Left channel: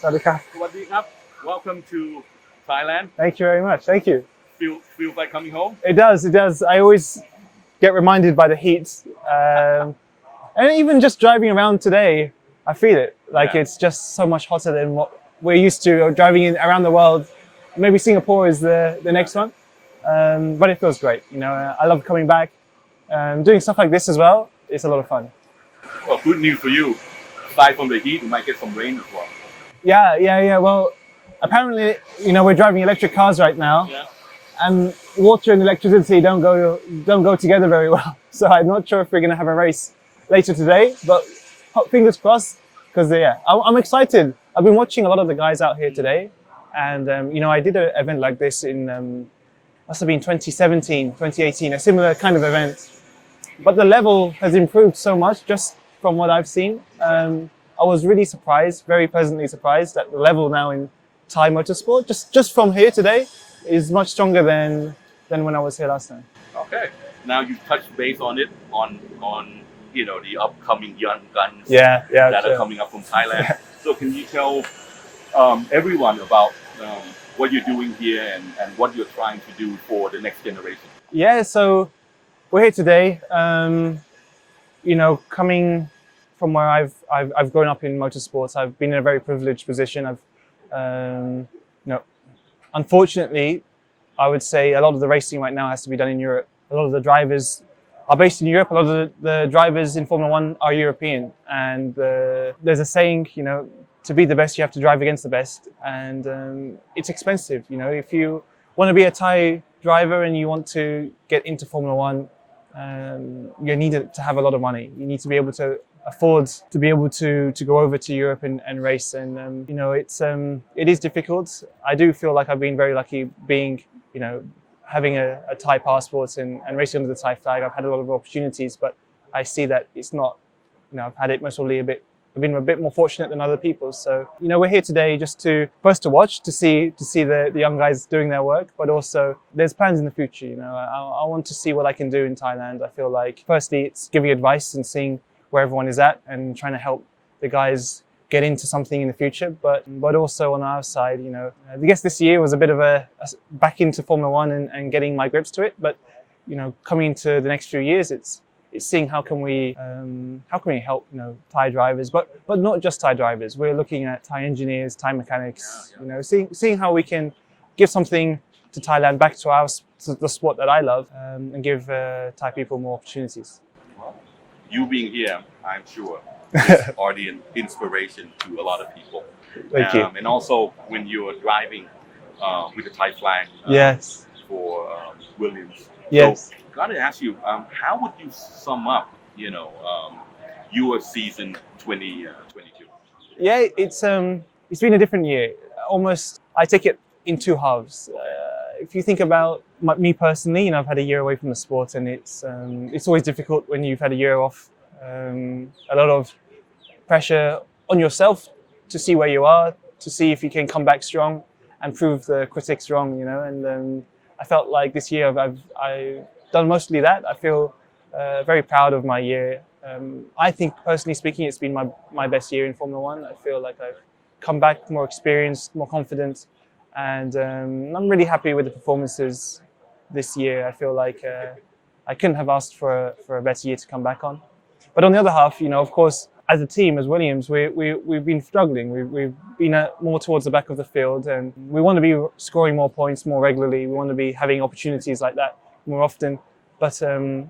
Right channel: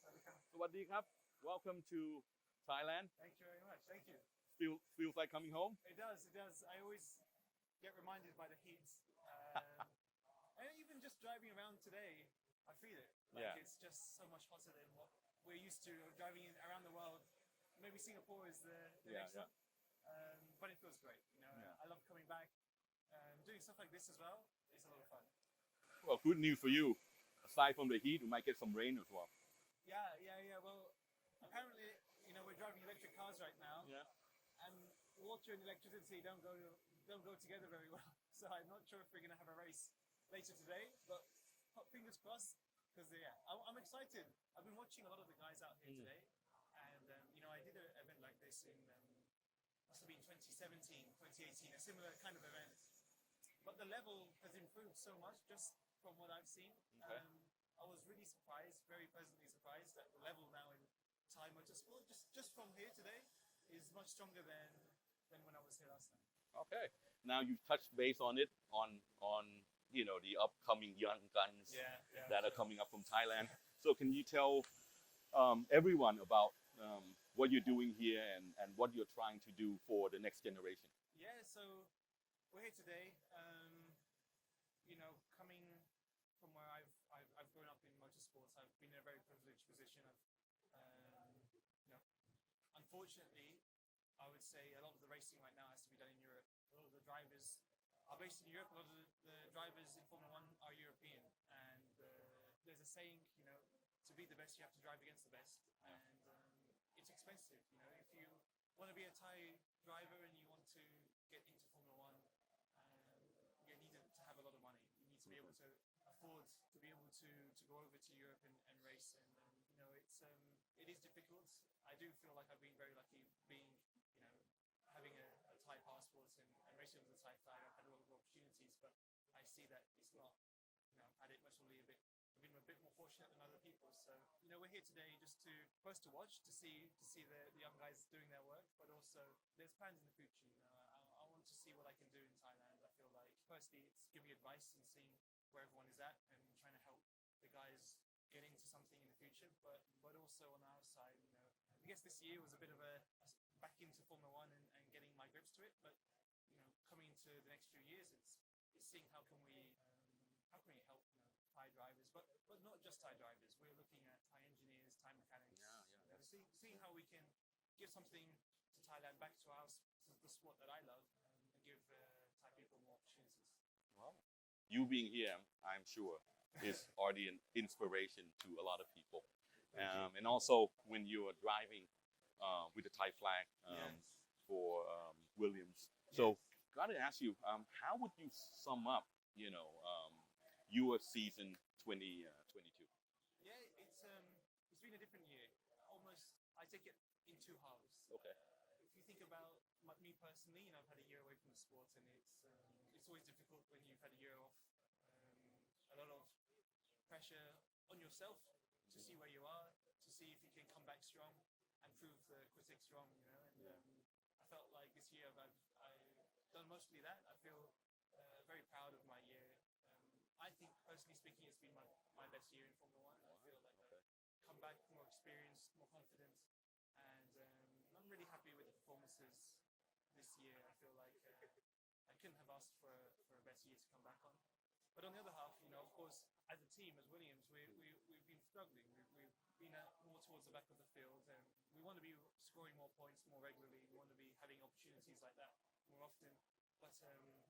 สวัสดีครับ สวัสดีครับ Welcome to Thailand. Thank you very much. Thank you. Feels like coming home. It does. It does. I always get reminded by the heat, and even just driving around today, I feel it. Like Yeah. it's just so much hotter than what we're used to driving in around the world. Maybe Singapore is the next one, but it feels great. You know, I love coming back, doing stuff like this as well. It's a lot of fun. Well, good news for you. Aside from the heat, you might get some rain as well. Yeah. Well, apparently, you know, we're driving electric cars right now. Yeah. And water and electricity don't go together very well. So I'm not sure if we're going to have a race later today, but fingers crossed, because I'm excited. I've been watching a lot of the guys out here today, and you know, I did an event like this in must have been 2017, 2018, a similar kind of event, but the level has improved so much just from what I've seen. I was really surprised, very pleasantly surprised, that the level now in Thai motorsport, just from here today, is much stronger than when I was here last time. Okay. Now you touched base on it on you know the upcoming young guns Yeah, that are coming up from Thailand. So can you tell everyone about what you're doing here and what you're trying to do for the next generation? Yeah, so we're here today. You know, coming from where I've grown up in motorsports, I've been in a very privileged position. I've you know, unfortunately, I would say a lot of the racing right now has to be done in Europe. A lot of the drivers are based in Europe. A lot of the drivers in Formula One are European. And there's a saying, you know, to be the best, you have to drive against the best. And it's expensive. You know, if you want to be a Thai driver and you want to get into Formula One, you need to have a lot of money. You need to be able to afford to be able to go over to Europe and race. And you know, it is difficult. I do feel like I've been very lucky being, you know, having a Thai passport and racing under the Thai flag. I've had a lot of opportunities, but I see that it's not, you know, I've had it most probably I've been a bit more fortunate than other people. So, you know, we're here today just to first to watch, to see the young guys doing their work, but also there's plans in the future. You know, I want to see what I can do in Thailand. I feel like firstly it's giving advice and seeing where everyone is at and trying to help the guys get into something in the future, but also on our side, you know, I guess this year was a bit of a back into Formula One and getting my grips to it. But you know, coming into the next few years, it's seeing how can we help, you know, Thai drivers, but not just Thai drivers. We're looking at Thai engineers, Thai mechanics, you know, seeing how we can give something to Thailand back to the sport that I love, and give Thai people more opportunities. You being here, I'm sure, are the inspiration to a lot of people. Thank you. And also when you're driving with the Thai flag Yes. for Williams. Yes. So, gotta ask you, how would you sum up, you know, your season 2022? Yeah, it's been a different year. Almost, I take it in two halves. If you think about me personally, you know, I've had a year away from the sport, and it's always difficult when you've had a year off. A lot of pressure on yourself to see where you are, to see if you can come back strong and prove the critics wrong, you know. And I felt like this year I've done mostly that. I feel very proud of my year. I think, personally speaking, it's been my best year in Formula One. I feel like I've come back more experienced, more confident, and I'm really happy with the performances this year. I feel like I couldn't have asked for a better year to come back on. But on the other half, you know, of course, as a team, as Williams, we've been struggling. We've been more towards the back of the field, and we want to be scoring more points more regularly. We want to be having opportunities like that more often. But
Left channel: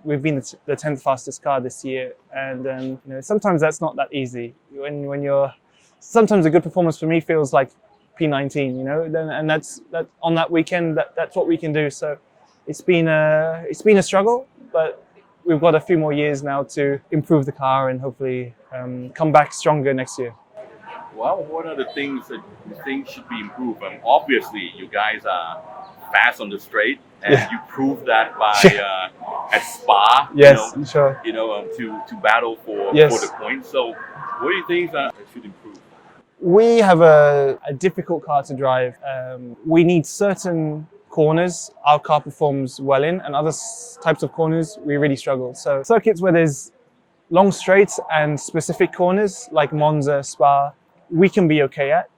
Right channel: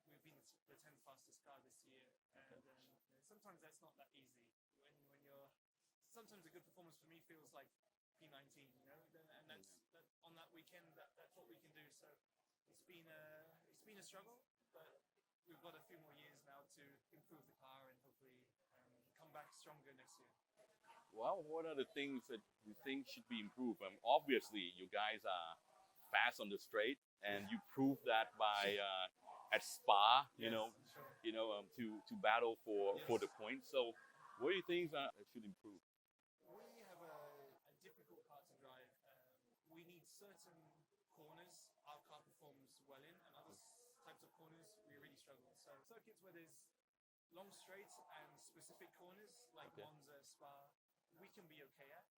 we've been the 10th fastest car this year, and you know, sometimes that's not that easy. When you're, sometimes a good performance for me feels like P19, you know, and that's on that weekend. That's what we can do. So it's been a struggle, but we've got a few more years now to improve the car and hopefully come back stronger next year. Well, what are the things that you think should be improved? Obviously, you guys are fast on the straight, and you proved that by at Spa. Yes, you know, sure. You know, to battle for the points. So, what do you think that should improve? We have a difficult car to drive. We need certain corners our car performs well in, and other types of corners we really struggle. So circuits where there's long straights and specific corners like Monza, Spa, we can be okay at.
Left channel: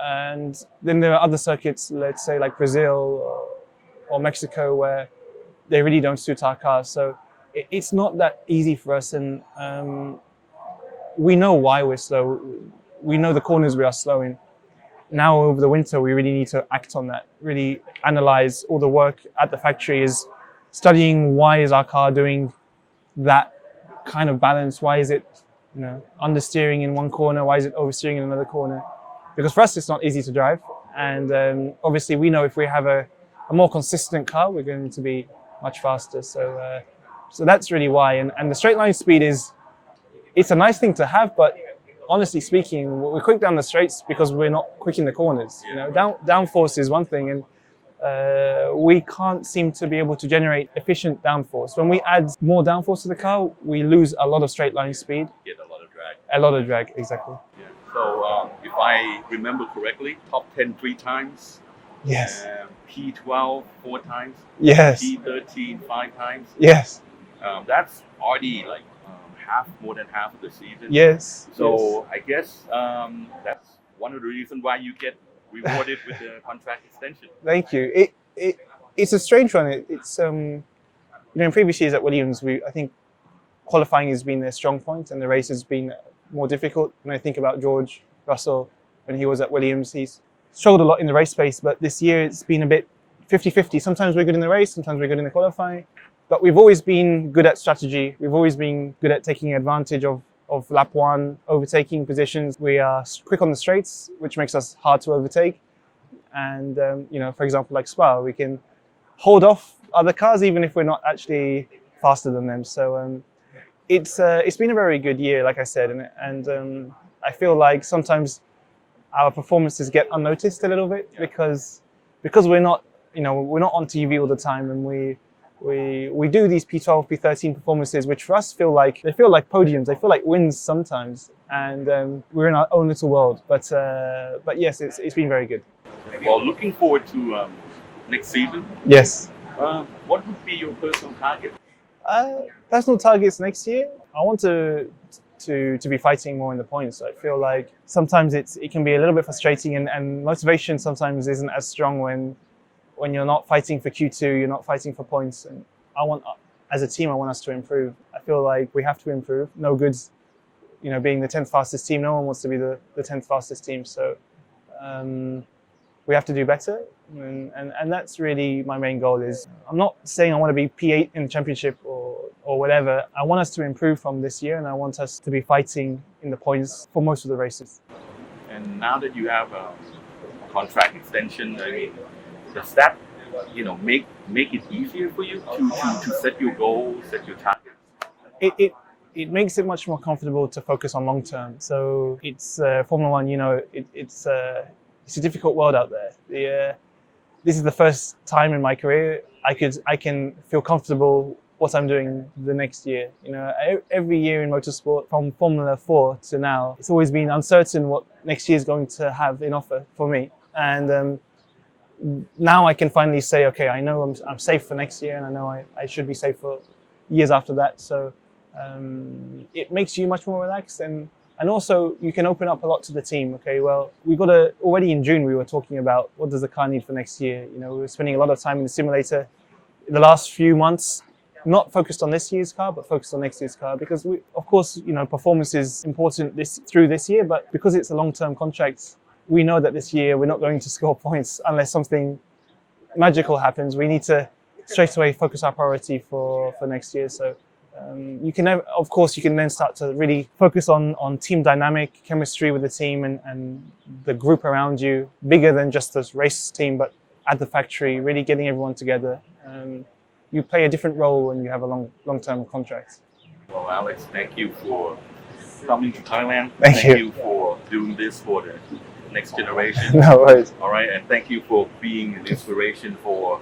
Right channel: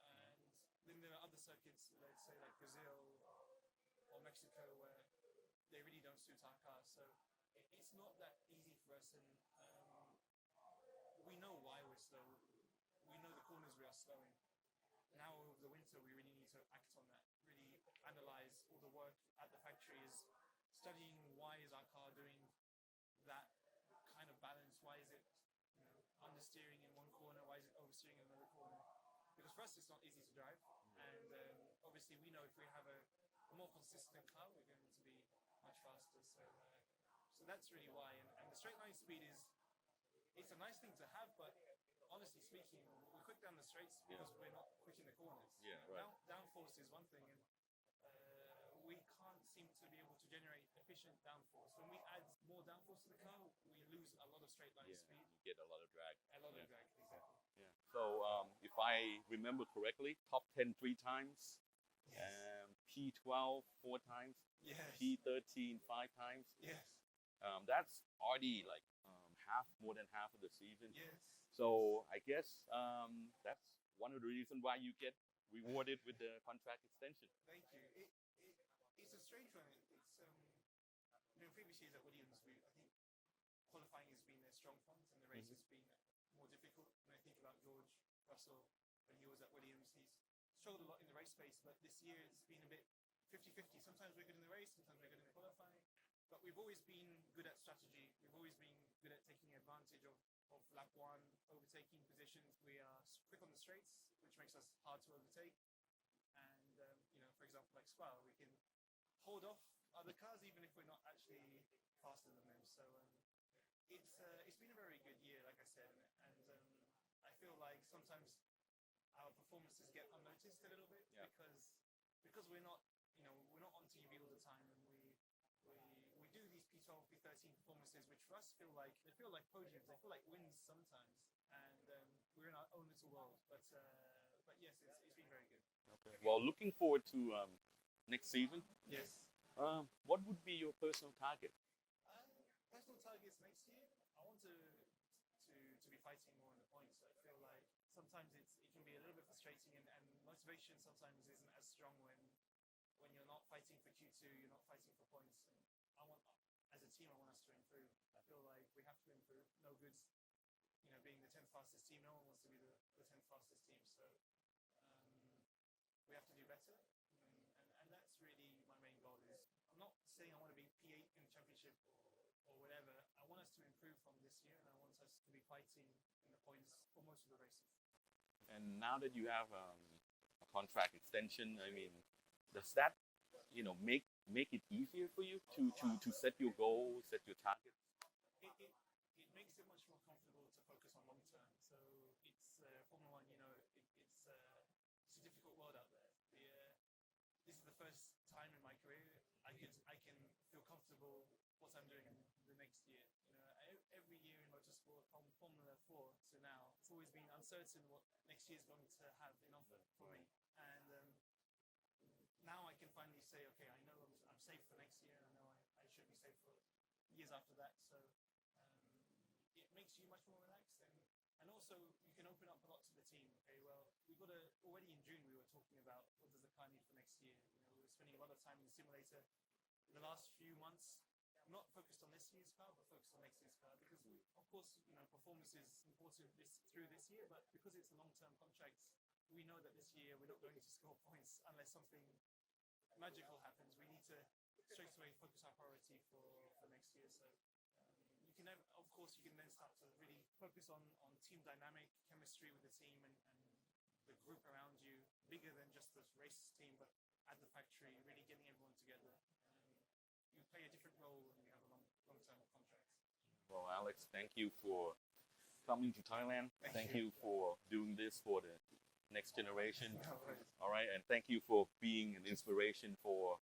And then there are other circuits, let's say like Brazil or Mexico, where they really don't suit our cars. So it's not that easy for us, and we know why we're slow. We know the corners we are slow in. Now over the winter, we really need to act on that, really analyze all the work at the factory is studying why is our car doing that kind of balance? Why is it, understeering in one corner? Why is it oversteering in another corner? Because for us, it's not easy to drive. And obviously we know if we have a more consistent car, we're going to be much faster. So that's really why. And the straight line speed it's a nice thing to have, but honestly speaking, we're quick down the straights because we're not quick in the corners. Downforce is one thing, and we can't seem to be able to generate efficient downforce. When we add more downforce to the car, we lose a lot of straight line speed. Get a lot of drag. A lot of drag, exactly. Yeah. So if I remember correctly, top 10 3 times. Yes. P12 4 times. Yes. P13 5 times. Yes. That's already like more than half of the season. Yes. So I guess that's one of the reasons why you get rewarded with the contract extension. Thank you. It's a strange one. It's in previous years at Williams, I think qualifying has been their strong point, and the race has been more difficult. When I think about George Russell when he was at Williams, he's struggled a lot in the race space. But this year it's been a bit 50-50. Sometimes we're good in the race, sometimes we're good in the qualifying. But we've always been good at strategy. We've always been good at taking advantage of lap one, overtaking positions. We are quick on the straights, which makes us hard to overtake. And, for example, like Spa, we can hold off other cars even if we're not actually faster than them. So it's been a very good year, like I said. And I feel like sometimes our performances get unnoticed a little bit because we're not, we're not on TV all the time, and we do these P12, P13 performances, which for us feel like podiums, they feel like wins sometimes, and we're in our own little world. But yes, it's been very good. Well, looking forward to next season. Yes. What would be your personal target? Personal targets next year, I want to be fighting more in the points. I feel like sometimes it can be a little bit frustrating, and motivation sometimes isn't as strong when you're not fighting for Q2, you're not fighting for points. And as a team, I want us to improve. I feel like we have to improve. No goods, being the 10th fastest team. No one wants to be the 10th fastest team. So we have to do better. And that's really my main goal. Is I'm not saying I want to be P8 in the championship or whatever. I want us to improve from this year, and I want us to be fighting in the points for most of the races. And now that you have a contract extension, I mean, does that, make it easier for you to set your goals, set your targets? It makes it much more comfortable to focus on long term. So it's Formula One. It's a difficult world out there. This is the first time in my career I can feel comfortable what I'm doing the next year. Every year in motorsport, from Formula 4 to now, it's always been uncertain what next year is going to have in offer for me. And now I can finally say, okay, I know I'm safe for next year, and I know I should be safe for years after that. So it makes you much more relaxed, and also you can open up a lot to the team. Okay, well, already in June we were talking about what does the car need for next year. We were spending a lot of time in the simulator in the last few months, not focused on this year's car, but focused on next year's car, because of course, performance is important through this year, but because it's a long-term contract, we know that this year we're not going to score points unless something magical happens. We need to straight away focus our priority for next year. So you can then start to really focus on team dynamic, chemistry with the team and the group around you, bigger than just this race team, but at the factory, really getting everyone together. You play a different role when you have a long-term contract. Well, Alex, thank you for coming to Thailand. Thank you for doing this for the next generation. No worries. All right, and thank you for being an inspiration for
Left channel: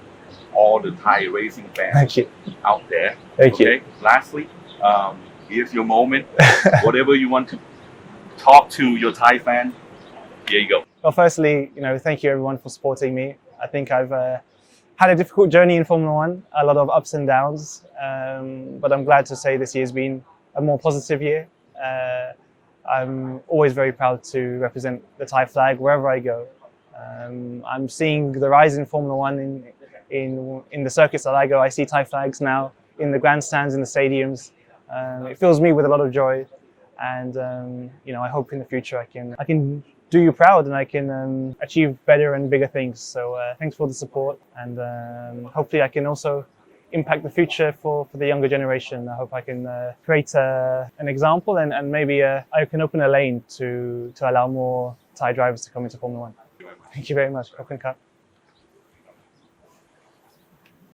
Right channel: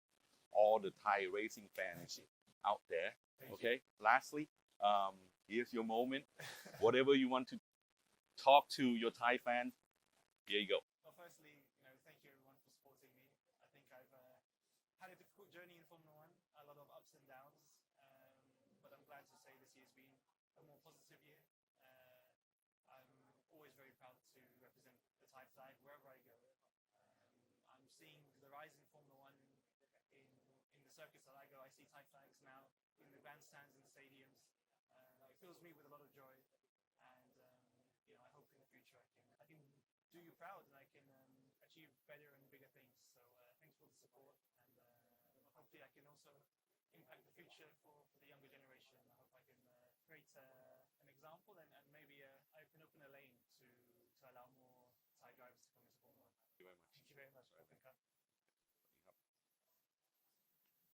all the Thai racing fans out there. Thank you. Lastly, here's your moment. Whatever you want to talk to your Thai fan, here you go. Well, firstly, thank you everyone for supporting me. I think I've had a difficult journey in Formula One, a lot of ups and downs, but I'm glad to say this year's been a more positive year. I'm always very proud to represent the Thai flag wherever I go. I'm seeing the rise in Formula One in the circuits that I go. I see Thai flags now in the grandstands, in the stadiums. It fills me with a lot of joy, and I hope in the future I can do you proud and I can achieve better and bigger things. So thanks for the support, and hopefully I can also impact the future for the younger generation. I hope I can create an example, and maybe I can open a lane to allow more Thai drivers to come into Formula One. Thank you very much. Khop khun krap.